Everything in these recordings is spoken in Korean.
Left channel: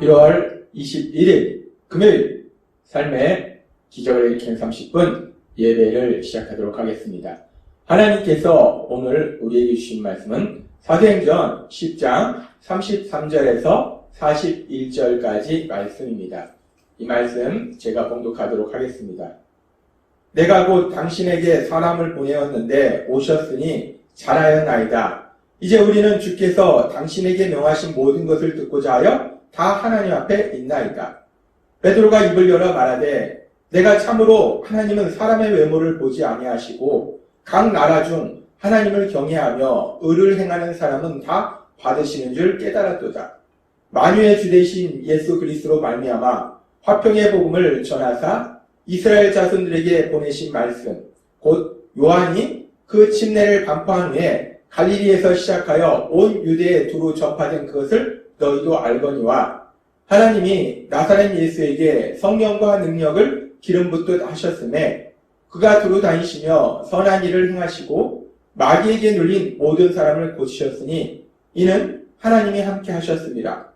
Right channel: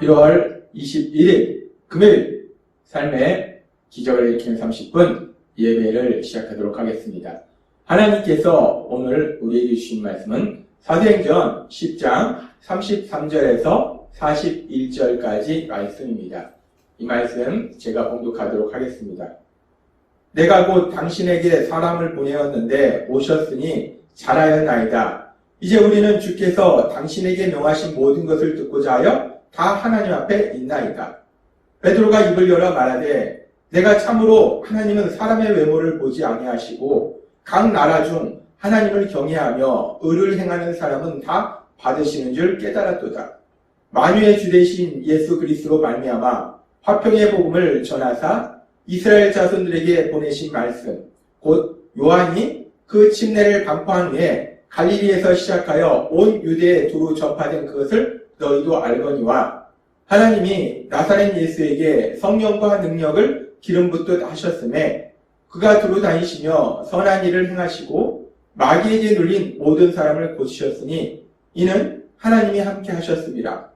1월 21일 금요일 삶의 기적을 일으키는 30분 예배를 시작하도록 하겠습니다. 하나님께서 오늘 우리에게 주신 말씀은 사도행전 10장 33절에서 41절까지 말씀입니다. 이 말씀 제가 봉독하도록 하겠습니다. 내가 곧 당신에게 사람을 보내었는데 오셨으니 잘하였나이다. 이제 우리는 주께서 당신에게 명하신 모든 것을 듣고자 하여 다 하나님 앞에 있나이다. 베드로가 입을 열어 말하되 내가 참으로 하나님은 사람의 외모를 보지 아니하시고 각 나라 중 하나님을 경외하며 의를 행하는 사람은 다 받으시는 줄 깨달았도다. 만유의 주 되신 예수 그리스도로 말미암아 화평의 복음을 전하사 이스라엘 자손들에게 보내신 말씀 곧 요한이 그 침례를 반포한 후에 갈릴리에서 시작하여 온 유대에 두루 전파된 그것을 너희도 알거니와 하나님이 나사렛 예수에게 성령과 능력을 기름 붓듯 하셨음에 그가 두루 다니시며 선한 일을 행하시고 마귀에게 눌린 모든 사람을 고치셨으니 이는 하나님이 함께 하셨습니다.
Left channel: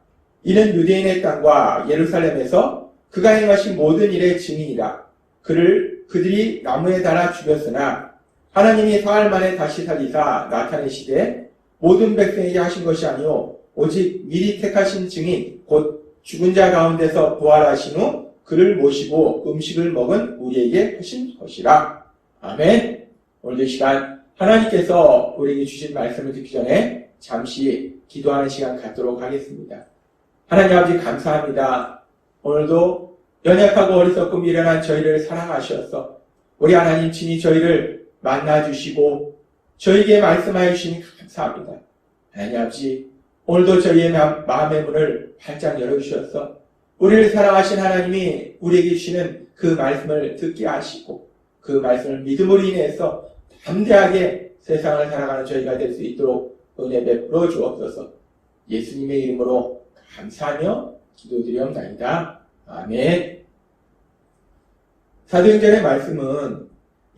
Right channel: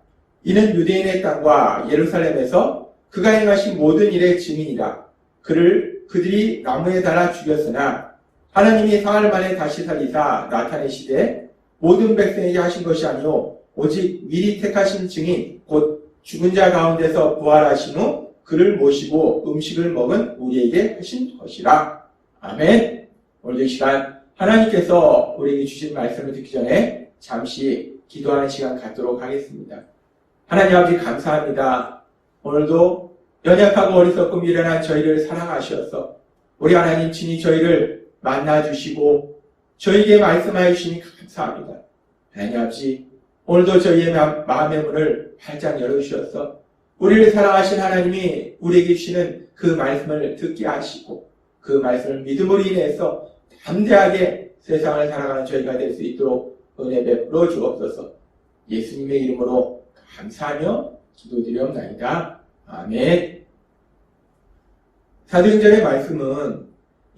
이는 유대인의 땅과 예루살렘에서 그가 행하신 모든 일의 증인이라. 그들이 나무에 달아 죽였으나 하나님이 사흘 만에 다시 살리사 나타내시되 모든 백성에게 하신 것이 아니오 오직 미리 택하신 증인 곧 죽은 자 가운데서 부활하신 후 그를 모시고 음식을 먹은 우리에게 하신 것이라. 아멘. 오늘 이 시간 하나님께서 우리에게 주신 말씀을 듣기 전에 잠시 기도하는 시간 갖도록 하겠습니다. 하나님 아버지 감사합니다. 오늘도 연약하고 어리석고 미련한 저희를 사랑하셔서 우리 하나님 친히 저희를 만나주시고 저희에게 말씀하여 주시니 감사합니다. 하나님 아버지 오늘도 저희의 마음의 문을 활짝 열어주셔서 우리를 사랑하신 하나님이 우리에게 주시는 그 말씀을 듣게 하시고 그 말씀을 믿음으로 인해서 담대하게 세상을 살아가는 저희가 될 수 있도록 은혜 베풀어 주옵소서. 예수님의 이름으로 감사하며 기도드리옵나이다. 아멘. 사도행전의 말씀은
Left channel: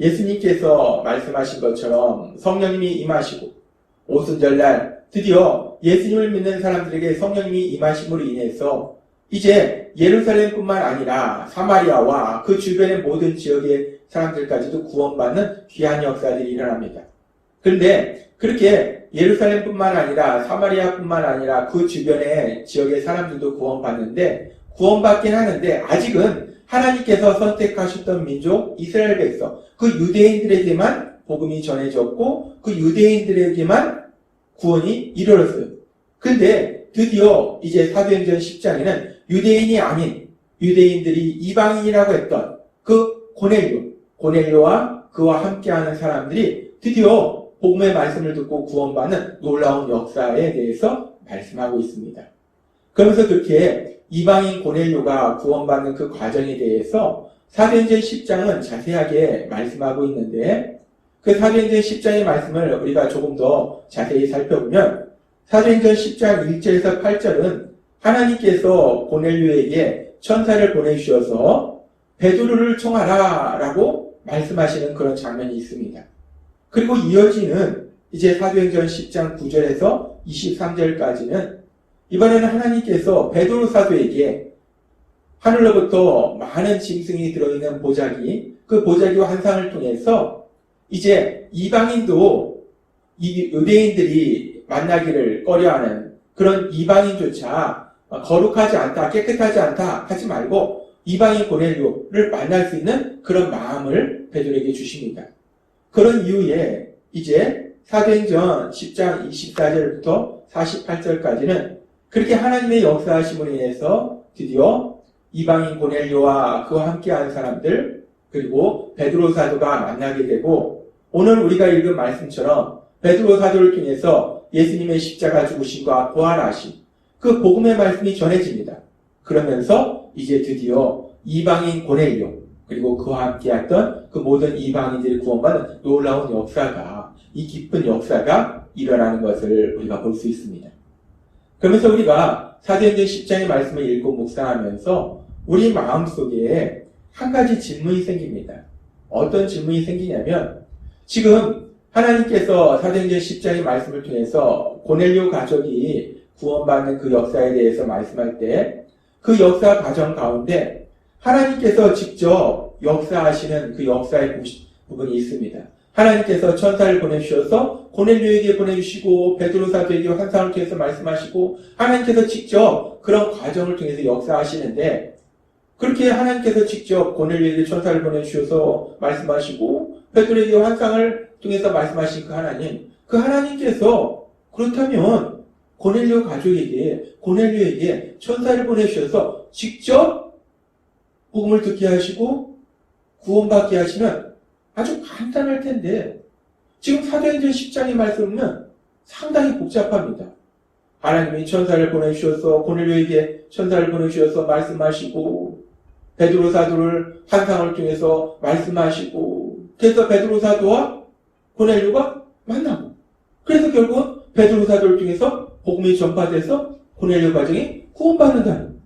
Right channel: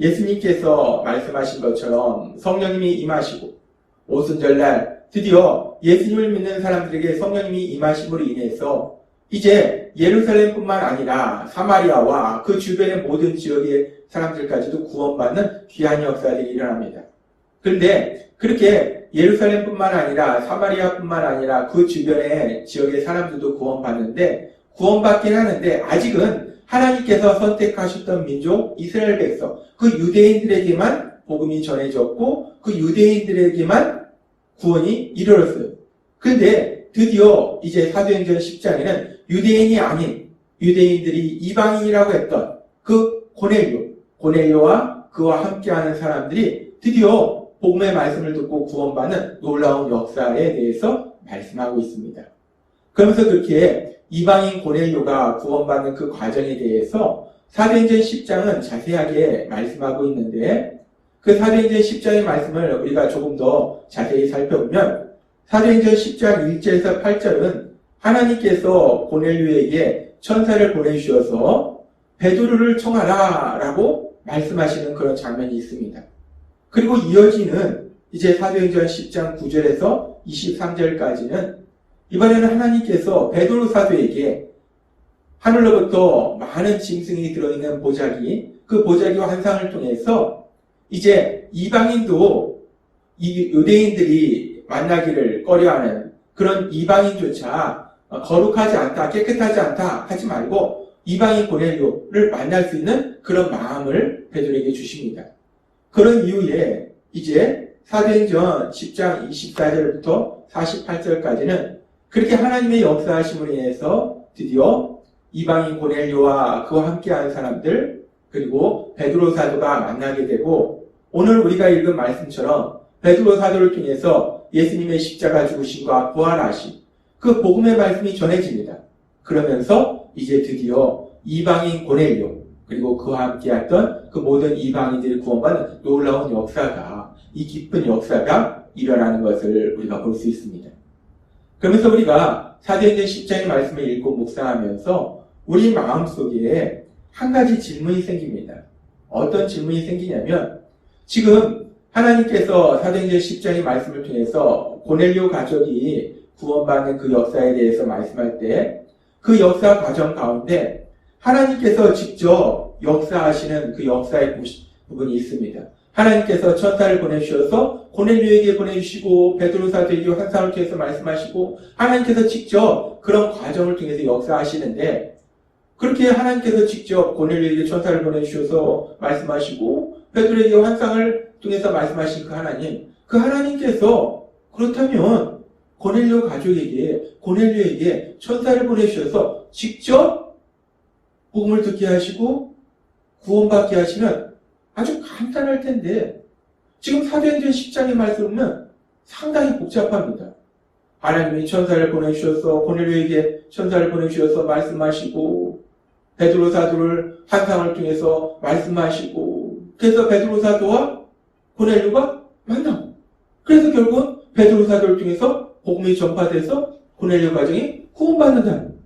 예수님께서 말씀하신 것처럼 성령님이 임하시고 오순절날 드디어 예수님을 믿는 사람들에게 성령님이 임하심으로 인해서 이제 예루살렘뿐만 아니라 사마리아와 그 주변의 모든 지역의 사람들까지도 구원받는 귀한 역사들이 일어납니다. 그런데 그렇게 예루살렘뿐만 아니라 사마리아뿐만 아니라 그 주변의 지역의 사람들도 구원받는데 구원받긴 하는데 아직은 하나님께서 선택하셨던 민족 이스라엘 백성 그 유대인들에게만 복음이 전해졌고 그 유대인들에게만 구원이 이르렀어요. 근데 드디어 이제 사도행전 10장에는 유대인이 아닌 유대인들이 이방인이라고 했던 그 고넬료와 그와 함께하는 사람들이 드디어 복음의 말씀을 듣고 구원받는 놀라운 역사에 대해서 말씀하고 있습니다. 그러면서 그렇게 이방인 고넬료가 구원받는 그 과정에 대해서 사도행전 10장은 자세하게 말씀하고 있는데 그 사도행전 10장의 말씀을 우리가 조금 더 자세히 살펴보면 사도행전 10장 1절에서 8절은 하나님께서 고넬료에게 천사를 보내주셔서 베드로를 청하라 라고 말씀하시는 그런 장면이 있습니다. 그리고 이어지는 이제 사도행전 10장 9절에서 23절까지는 이번에는 하나님께서 베드로 사도에게 하늘로부터 많은 짐승이 들어있는 보자기 그 보자기와 환상을 통해서 이제 이방인도 이 유대인들이 만나기를 꺼려하는 그런 이방인조차 거룩하지 않다, 깨끗하지 않다 하지 말고 이방인 고넬료를 만날 수 있는 그런 마음을 베드로에게 주십니다. 그런 이후에 이제 사도행전 10장 24절부터 48절까지는 그렇게 하나님의 역사하심으로 인해서 드디어 이방인 고넬료와 그와 함께한 사람들 그리고 베드로 사도가 만나게 되고 오늘 우리가 읽은 말씀처럼 베드로 사도를 통해서 예수님의 십자가 죽으심과 부활하심 그 복음의 말씀이 전해집니다. 그러면서 이제 드디어 이방인 고넬료 그리고 그와 함께했던 그 모든 이방인들이 구원받는 놀라운 역사가 이 깊은 역사가 일어나는 것을 우리가 볼 수 있습니다. 그러면서 우리가 사도행전 10장의 말씀을 읽고 묵상하면서 우리 마음속에 한 가지 질문이 생깁니다. 어떤 질문이 생기냐면 지금 하나님께서 사도행전 10장의 말씀을 통해서 고넬료 가족이 구원받는 그 역사에 대해서 말씀할 때 그 역사 과정 가운데 하나님께서 직접 역사하시는 그 역사의 부분이 있습니다. 하나님께서 천사를 보내주셔서 고넬료에게 보내주시고 베드로 사도에게 환상을 통해서 말씀하시고 하나님께서 직접 그런 과정을 통해서 역사하시는데 그렇게 하나님께서 직접 고넬료에게 천사를 보내주셔서 말씀하시고 베드로에게 환상을 통해서 말씀하신 그 하나님께서 그렇다면 고넬료에게 천사를 보내주셔서 직접 복음을 듣게 하시고 구원받게 하시면 아주 간단할 텐데 지금 사도행전 10장의 말씀은 상당히 복잡합니다. 하나님이 천사를 보내주셔서 고넬료에게 천사를 보내주셔서 말씀하시고 베드로 사도를 환상을 통해서 말씀하시고 그래서 베드로 사도와 고넬료가 만나고 그래서 결국은 베드로 사도를 통해서 복음이 전파돼서 고넬료 가정이 구원받는다는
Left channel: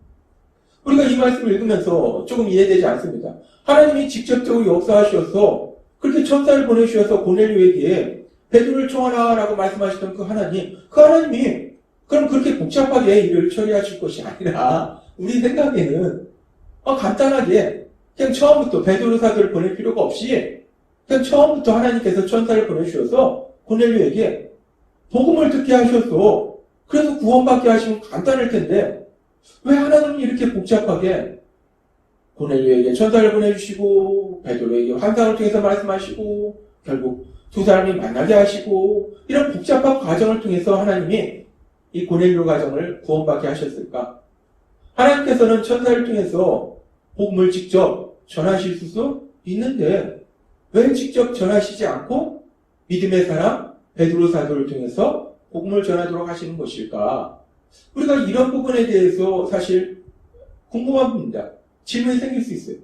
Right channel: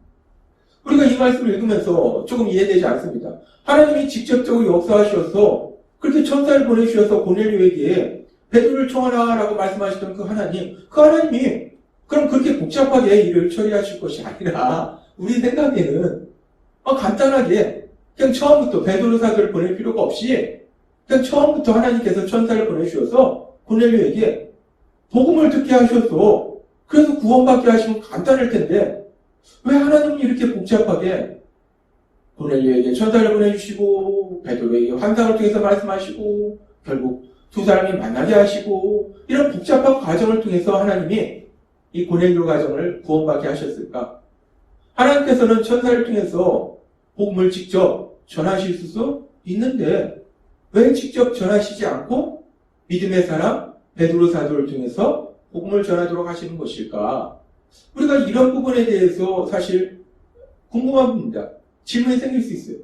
우리가 이 말씀을 읽으면서 조금 이해되지 않습니다. 하나님이 직접적으로 역사하셔서 그렇게 천사를 보내주셔서 고넬료에게 베드로를 청하라라고 말씀하시던 그 하나님이 그럼 그렇게 복잡하게 일을 처리하실 것이 아니라 우리 생각에는 간단하게 그냥 처음부터 베드로 사도를 보낼 필요가 없이 그냥 처음부터 하나님께서 천사를 보내주셔서 고넬료에게 복음을 듣게 하셔서 그래서 구원받게 하시면 간단할 텐데 왜 하나님은 이렇게 복잡하게 고넬료에게 천사를 보내주시고 베드로에게 환상을 통해서 말씀하시고 결국 두 사람이 만나게 하시고 이런 복잡한 과정을 통해서 하나님이 이 고넬료 가정을 구원받게 하셨을까? 하나님께서는 천사를 통해서 복음을 직접 전하실 수 있는데 왜 직접 전하시지 않고 믿음의 사람 베드로 사도를 통해서 복음을 전하도록 하시는 것일까? 우리가 이런 부분에 대해서 사실 궁금한 부분입니다. 질문이 생길 수 있어요.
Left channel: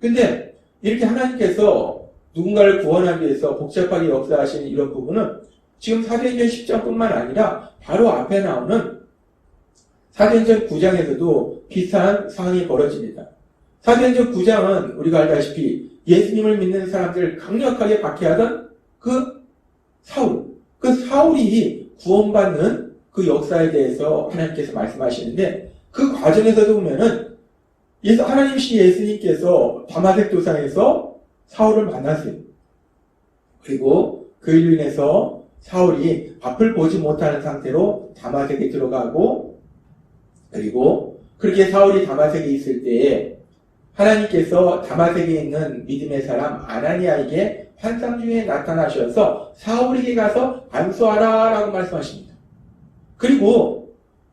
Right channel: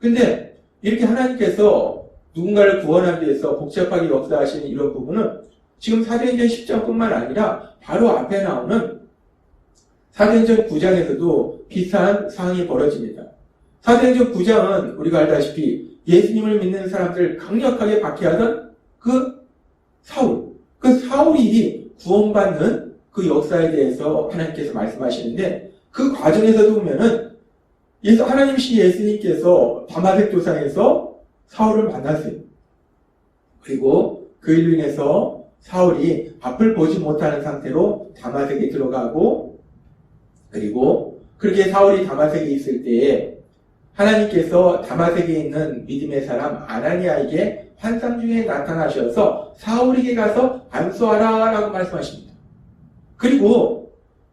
근데 이렇게 하나님께서 누군가를 구원하기 위해서 복잡하게 역사하시는 이런 부분은 지금 사도행전 10장뿐만 아니라 바로 앞에 나오는 사도행전 9장에서도 비슷한 상황이 벌어집니다. 사도행전 9장은 우리가 알다시피 예수님을 믿는 사람들을 강력하게 박해하던 그 사울이 구원받는 그 역사에 대해서 하나님께서 말씀하시는데 그 과정에서도 보면은 하나님이신 예수님께서 다마색 도상에서 사울을 만났어요. 그리고 그 일로 인해서 사울이 앞을 보지 못하는 상태로 다마색에 들어가고 그리고 그렇게 사울이 다마색에 있을 때에 하나님께서 다마색에 있는 믿음의 사람 아나니아에게 환상 중에 나타나셔서 사울에게 가서 안수하라 라고 말씀하십니다. 그리고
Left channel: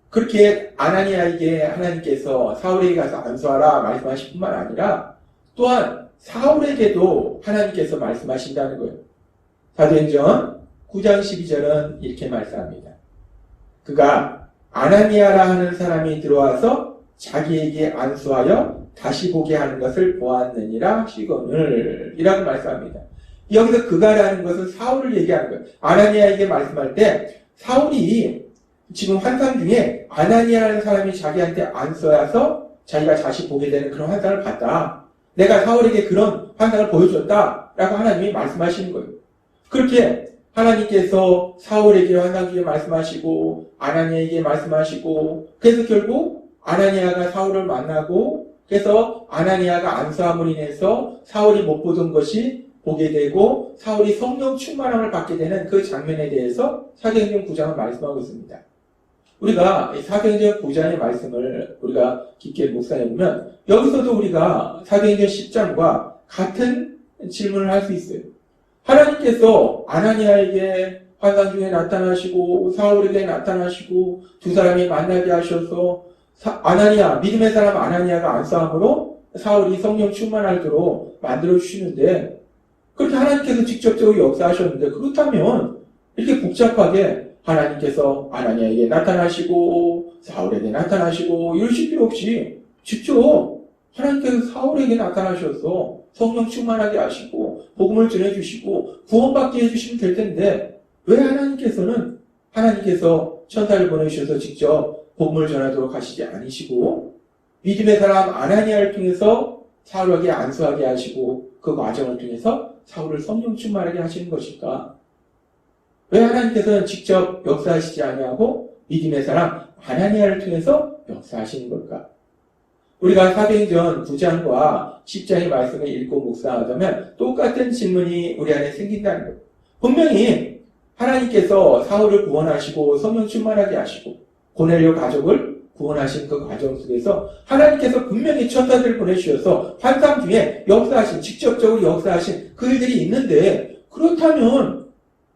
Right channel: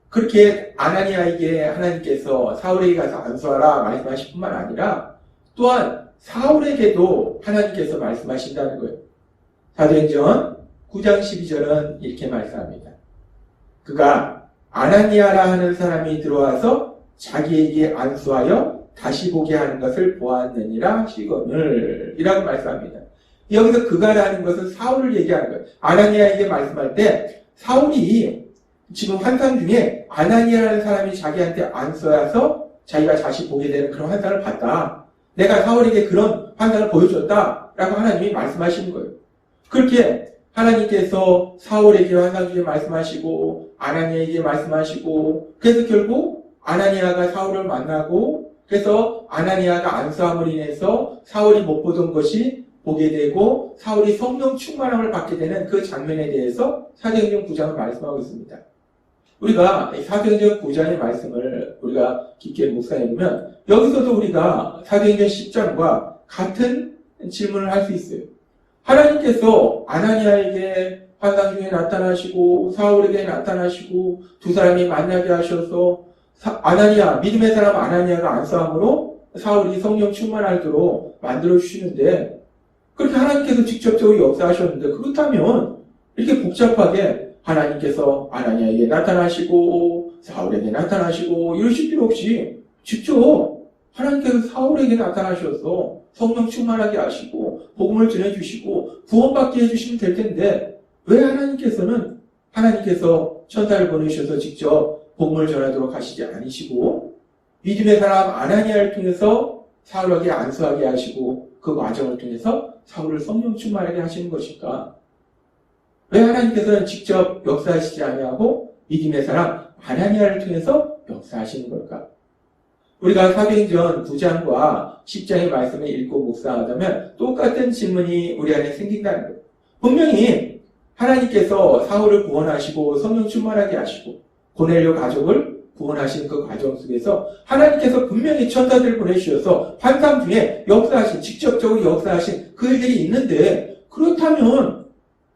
그렇게 아나니아에게 하나님께서 사울에게 가서 안수하라 말씀하실 뿐만 아니라 또한 사울에게도 하나님께서 말씀하신다는 거예요. 사도행전 9장 12절은 이렇게 말씀합니다. 그가 아나니아라 하는 사람이 들어와서 자기에게 안수하여 다시 보게 하는 것을 보았느니라 하시거늘 이라고 말씀합니다. 여기서 그가라는 것은 사울을 얘기하는 거예요. 아나니아에게 말씀할 때 사울이 지금 환상 중에 아나니아라는 사람이 자기한테 안수하여서 자기가 다시 보게 되는 그런 환상을 봤다. 내가 사울에게 그런 환상을 보여줬다 라고 하나님이 말씀하시는 거예요. 그렇게 하나님께서 사울에게 환상 중에 말씀하시고 아나니아에게 말씀하시고 그래서 결국 아나니아가 사울을 만나고 그래서 아나니아가 안수함으로 인해서 사울이 못 보던 것이 보게 되고 사울이 성령 충만함을 받게 되는 그 장면에 대해서 사도행전 9장은 말씀하고 있습니다. 우리가 사도행전 9장의 말씀을 우리가 깊게 묵상해보면 여기서도 우리가 사도행전 10장과 같은 질문을 할 수 있어요. 하나님께서 아나니아에게 환상 중에 나타나시고 사울에게 나타나시고 두 사람이 만나게 하셔서 아나니아, 믿음의 사람 아나니아가 안수함으로 사울이 성령 충만하도록 만들어주시는데 그렇게 하나님께서 직접적으로 역사하셨는데 그렇다면 이렇게 복잡하게 하나님께서 아나니아에게 나타나시고 사울에게 나타나시고 이러실 필요 없이 직접 하나님께서 사울에게 나타나셔서 성령 충만하게 하시고 복음을 전해주시고 구원받게 해주시면 될 텐데 왜 하나님께서 천사를 보내주셔서 직접 복음을 전하도록 하시지 않으시고 믿음의 사람 아나니아를 통해서 사울에게 안수하게 하시고 그 과정을 통해서 사울을 성령 충만하게 하시는 것일까? 왜 하나님께서는 직접 역사하시지 아니하고 믿음의 사람 아나니아를 통해서 역사하시는 걸까? 우리가 사도행전 9장과 10장의 말씀을 읽고 묵상하자면 똑같은 질문이 우리 안에 생긴다는 거예요. 분명히 하나님께서 사울을 구원하시고 성령 충만하게 하시고 고넬료 가족을 구원하신 그 과정 속에서 하나님께서 분명히 천사들을 보내주셔서 환상 중에 역사하신, 직접적으로 역사하신 그 일들이 있는데, 그렇다면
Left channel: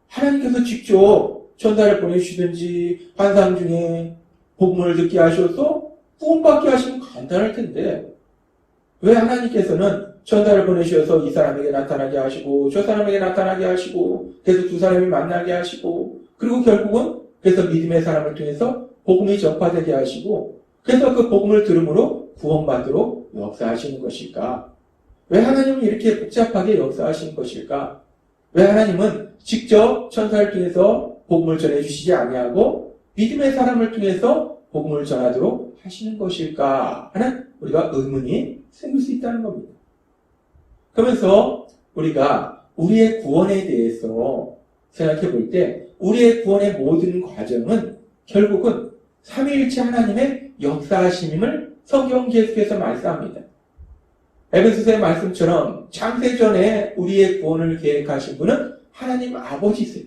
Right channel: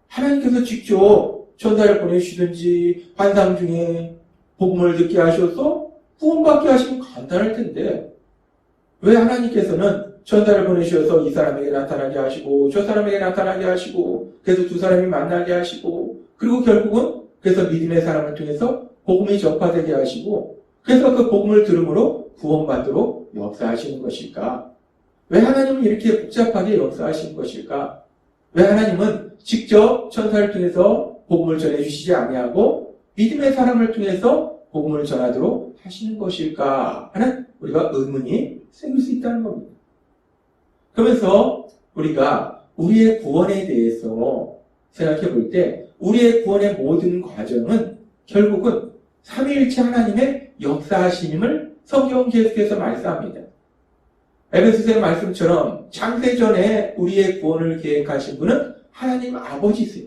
하나님께서 직접 천사를 보내주시든지 환상 중에 복음을 듣게 하셔서 구원받게 하시면 간단할 텐데, 왜 하나님께서는 천사를 보내주셔서 이 사람에게 나타나게 하시고 저 사람에게 나타나게 하시고 그래서 두 사람이 만나게 하시고 그리고 결국은 그래서 믿음의 사람을 통해서 복음이 전파되게 하시고 그래서 그 복음을 들음으로 구원받도록 역사하시는 것일까? 왜 하나님은 이렇게 복잡하게 역사하시는 것일까? 왜 하나님은 직접 천사를 통해서 복음을 전해주시지 아니하고 믿음의 사람을 통해서 복음을 전하도록 하시는 것일까 하는 우리가 의문이 생길 수 있다는 겁니다. 그러면서 우리가 우리의 구원에 대해서 생각해 볼 때 우리의 구원의 모든 과정은 결국은 삼위일체 하나님의 역사하심을 성경은 계속해서 말씀합니다. 에베소서의 말씀처럼 창세전에 우리의 구원을 계획하신 분은 하나님 아버지세요.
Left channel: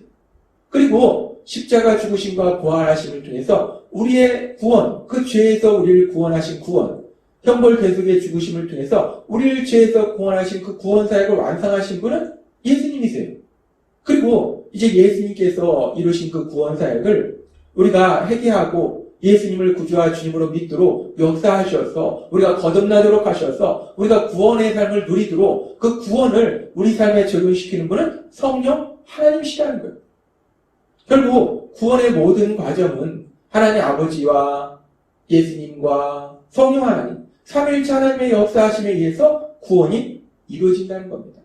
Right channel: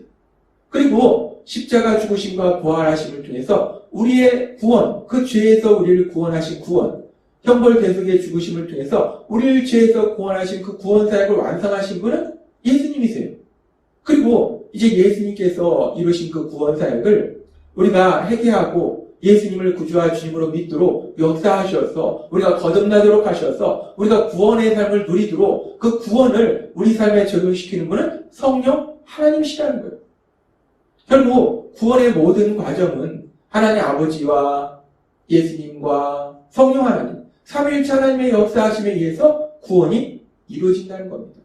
그리고 십자가 죽으심과 부활하심을 통해서 우리의 구원, 그 죄에서 우리를 구원하신 구원, 형벌 대속의 죽으심을 통해서 우리를 죄에서 구원하신 그 구원 사역을 완성하신 분은 예수님이세요. 그리고 이제 예수님께서 이루신 그 구원 사역을 우리가 회개하고 예수님을 구주와 주님으로 믿도록 역사하셔서 우리가 거듭나도록 하셔서 우리가 구원의 삶을 누리도록 그 구원을 우리 삶에 적용시키는 분은 성령 하나님이시라는 거예요. 결국 구원의 모든 과정은 하나님 아버지와 예수님과 성령 하나님, 삼위일체 하나님의 역사하심에 의해서 구원이 이루어진다는 겁니다.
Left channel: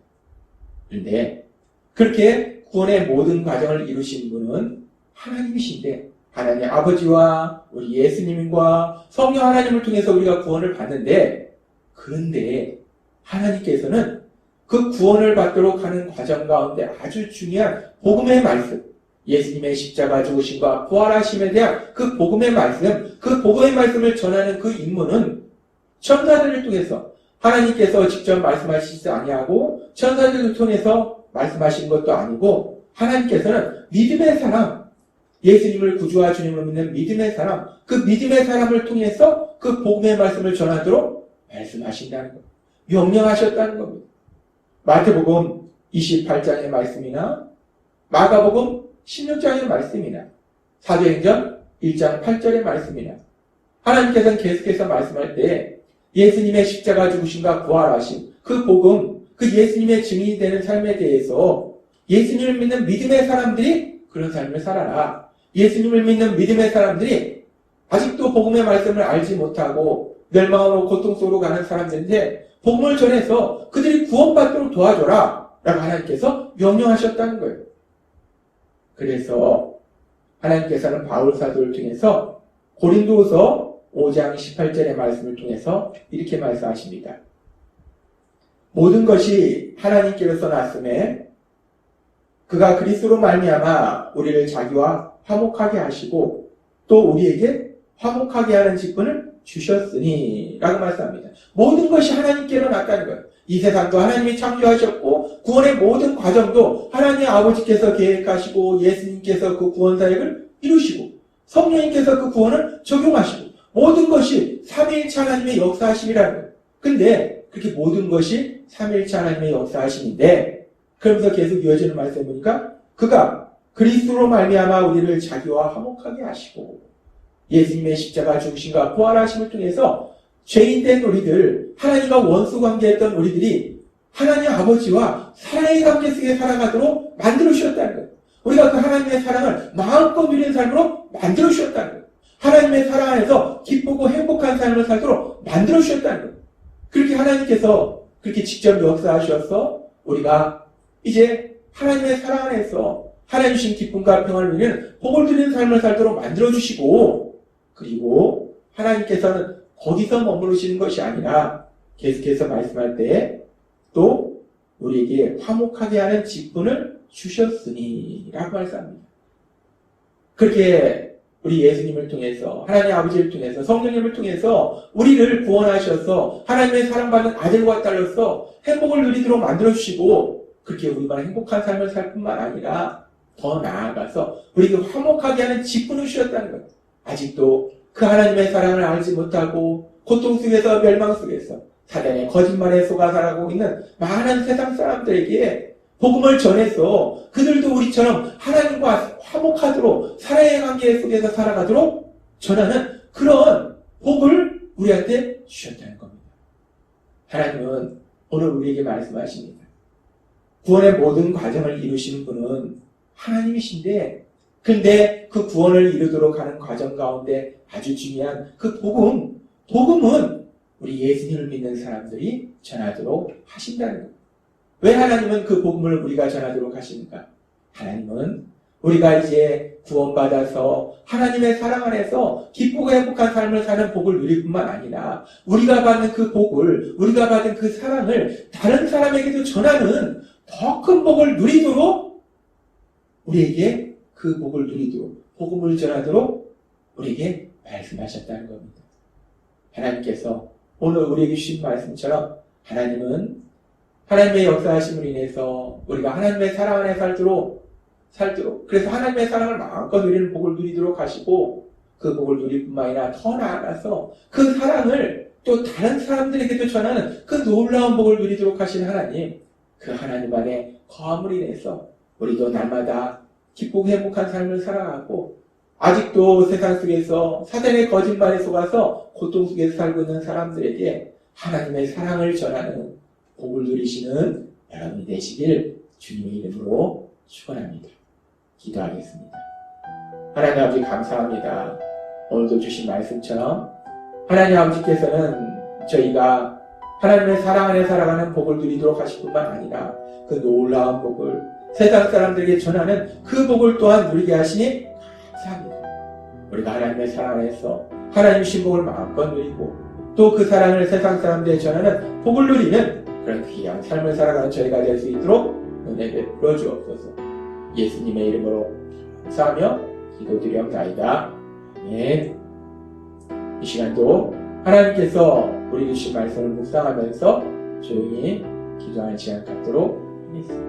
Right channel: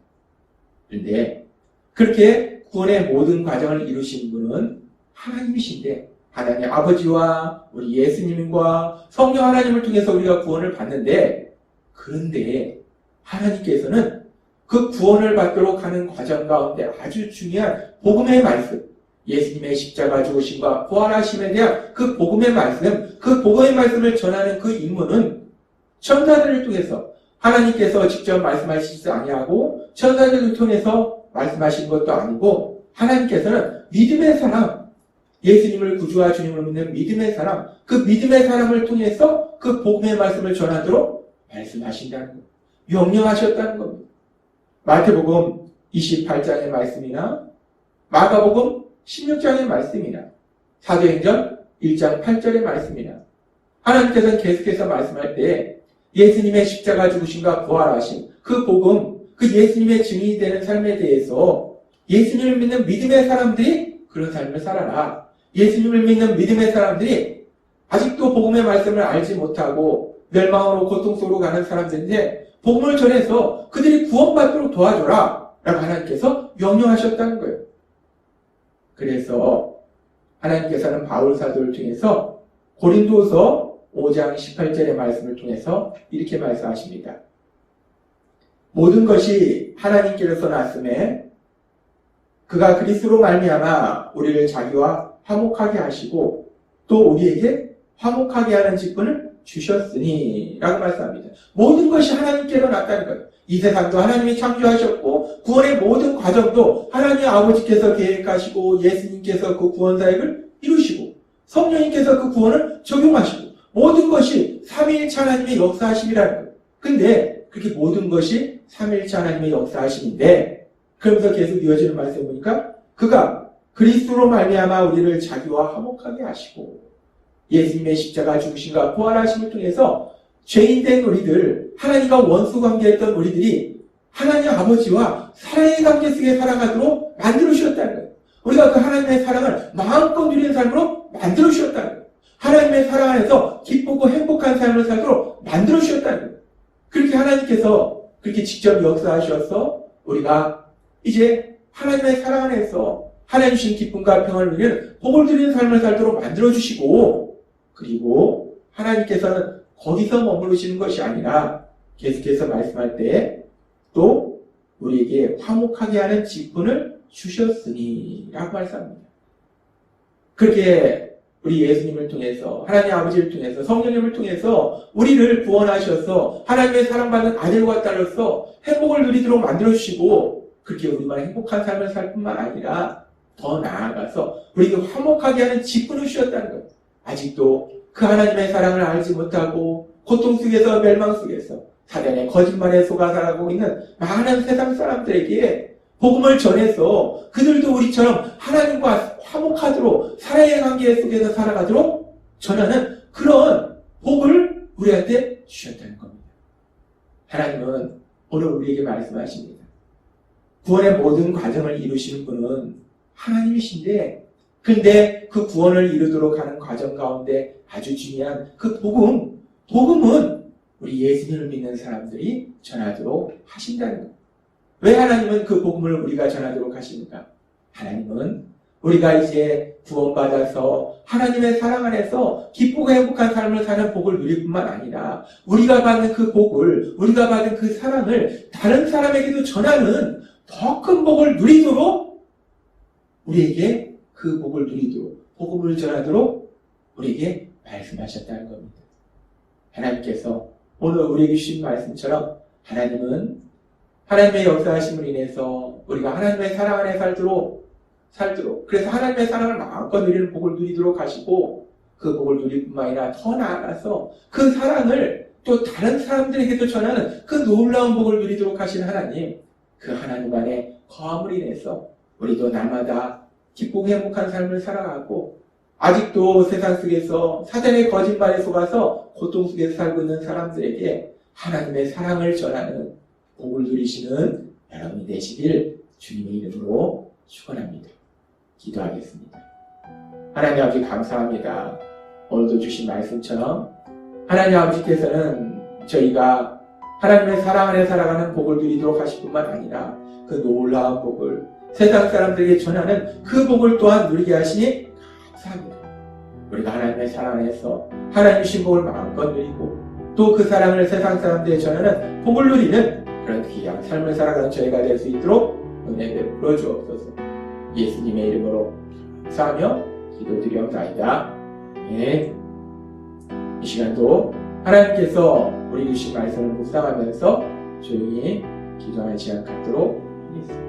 그런데 그렇게 구원의 모든 과정을 이루신 분은 하나님이신데 하나님 아버지와 우리 예수님과 성령 하나님을 통해서 우리가 구원을 받는데, 그런데 하나님께서는 그 구원을 받도록 하는 과정 가운데 아주 중요한 복음의 말씀, 예수님의 십자가 죽으심과 부활하심에 대한 그 복음의 말씀, 그 복음의 말씀을 전하는 그 임무는 천사들을 통해서 하나님께서 직접 말씀하시지 아니하고 천사들을 통해서 말씀하신 것도 아니고 하나님께서는 믿음의 사람, 예수님을 구주와 주님으로 믿는 믿음의 사람, 그 믿음의 사람을 통해서 그 복음의 말씀을 전하도록 말씀하신다는 겁니다. 명령하셨다는 겁니다. 마태복음 28장의 말씀이나 마가복음 16장의 말씀이나 사도행전 1장 8절의 말씀이나 하나님께서는 계속해서 말씀할 때 예수님의 십자가 죽으심과 부활하심, 그 복음, 그 예수님의 증인이 되는 삶에 대해서 예수님을 믿는 믿음의 사람들이 그런 삶을 살아라. 예수님을 믿는 믿음의 사람들이 아직도 복음의 말씀을 알지 못하고 멸망으로 고통 속으로 가는 사람들인데 복음을 전해서 그들이 구원받도록 도와줘라 라고 하나님께서 명령하셨다는 거예요. 그래서 하나님께서는 바울 사도를 통해서 고린도서 5장 18절의 말씀을 통해서 이렇게 말씀하십니다. 모든 것이 하나님께로서 났음에 그가 그리스도로 말미암아 우리를 자기와 화목하게 하시고 또 우리에게 화목하게 하는 직분을 주셨으니 라고 말씀합니다. 모든 것이 하나님께로 났다는 거예요. 이 세상도 하나님이 창조하셨고 구원의 모든 과정도 하나님 아버지께서 계획하시고 예수님께서 그 구원 사역을 이루시고 성령님께서 그 구원을 적용하시고 모든 것이 삼위일체 하나님의 역사하심이라는 거예요. 근데 그렇게 모든 것이 삼위일체 하나님의 역사하심인데 그러면서 계속 이어지는 말씀 보니까 그가 그리스도로 말미암아 우리를 자기와 화목하게 하시고 예수님의 십자가 죽으심과 부활하심을 통해서 죄인된 우리들, 하나님과 원수 관계했던 우리들이 하나님 아버지와 사랑의 관계 속에 살아가도록 만들어 주셨다는 거예요. 우리가 그 하나님의 사랑을 마음껏 누리는 삶으로 만들어 주셨다는 거예요. 하나님의 사랑 안에서 기쁘고 행복한 삶을 살도록 만들어 주셨다는 거예요. 그렇게 하나님께서 그렇게 직접 역사하셔서 우리가 이제 하나님의 사랑 안에서 하나님 주신 기쁨과 평안을 누리는 복을 누리는 삶을 살도록 만들어 주시고, 그리고 하나님께서는 거기서 머무르시는 것이 아니라 계속해서 말씀할 때 또 우리에게 화목하게 하는 직분을 주셨으니 라고 말씀합니다. 그렇게 우리 예수님을 통해서, 하나님 아버지를 통해서, 성령님을 통해서 우리를 구원하셔서 하나님의 사랑받는 아들과 딸로서 행복을 누리도록 만들어주시고, 그렇게 우리만 행복한 삶을 살 뿐만 아니라 더 나아가서 우리에게 화목하게 하는 직분을 주셨다는 것. 아직도 그 하나님의 사랑을 알지 못하고 고통 속에서 멸망 속에서 사단의 거짓말에 속아 살아가고 있는 많은 세상 사람들에게 복음을 전해서 그들도 우리처럼 하나님과 화목하도록 사랑의 관계 속에서 살아가도록 전하는 그런 복을 우리한테 주셨다는 겁니다. 하나님은 오늘 우리에게 말씀하십니다. 구원의 모든 과정을 이루시는 분은 하나님이신데, 근데 그 구원을 이루도록 하는 과정 가운데 아주 중요한 그 복음은 우리 예수님을 믿는 사람들이 전하도록 하신다는 겁니다. 왜 하나님은 그 복음을 우리가 전하도록 하십니까? 하나님은 우리가 이제 구원받아서 하나님의 사랑 안에서 기쁘고 행복한 삶을 사는 복을 누릴 뿐만 아니라 우리가 받는 그 복을, 우리가 받은 그 사랑을 다른 사람에게도 전하는 더 큰 복을 누리도록 우리에게 그 복을 누리도록, 복음을 전하도록 우리에게 말씀하셨다는 겁니다. 하나님께서 오늘 우리에게 주신 말씀처럼 하나님은 하나님의 역사하심으로 인해서 우리가 하나님의 사랑 안에 살도록 그래서 하나님의 사랑을 마음껏 누리는 복을 누리도록 하시고, 그 복을 누릴 뿐만 아니라 더 나아가서 그 사랑을 또 다른 사람들에게도 전하는 그 놀라운 복을 누리도록 하신 하나님, 그 하나님 안에 거함으로 인해서 우리도 날마다 기쁘고 행복한 삶을 살아가고, 아직도 세상 속에서 사단의 거짓말에 속아서 고통 속에서 살고 있는 사람들에게 하나님의 사랑을 전하는 복을 누리시는 여러분이 되시길 주님의 이름으로 축원합니다. 기도하겠습니다. 하나님 아버지 감사합니다. 오늘도 주신 말씀처럼 하나님 아버지께서는 저희가 하나님의 사랑 안에 살아가는 복을 누리도록 하실 뿐만 아니라 그 놀라운 복을 세상 사람들에게 전하는 그 복을 또한 누리게 하시니 감사합니다. 우리가 하나님의 사랑 안에서 하나님 주신 복을 마음껏 누리고 또 그 사랑을 세상 사람들에게 전하는 복을 누리는 그런 귀한 삶을 살아가는 저희가 될 수 있도록 은혜 베풀어 주옵소서. 예수님의 이름으로 감사하며 기도드리옵나이다. 아멘. 이 시간도 하나님께서 우리 주신 말씀을 묵상하면서 조용히 기도하는 시간 갖도록 하겠습니다.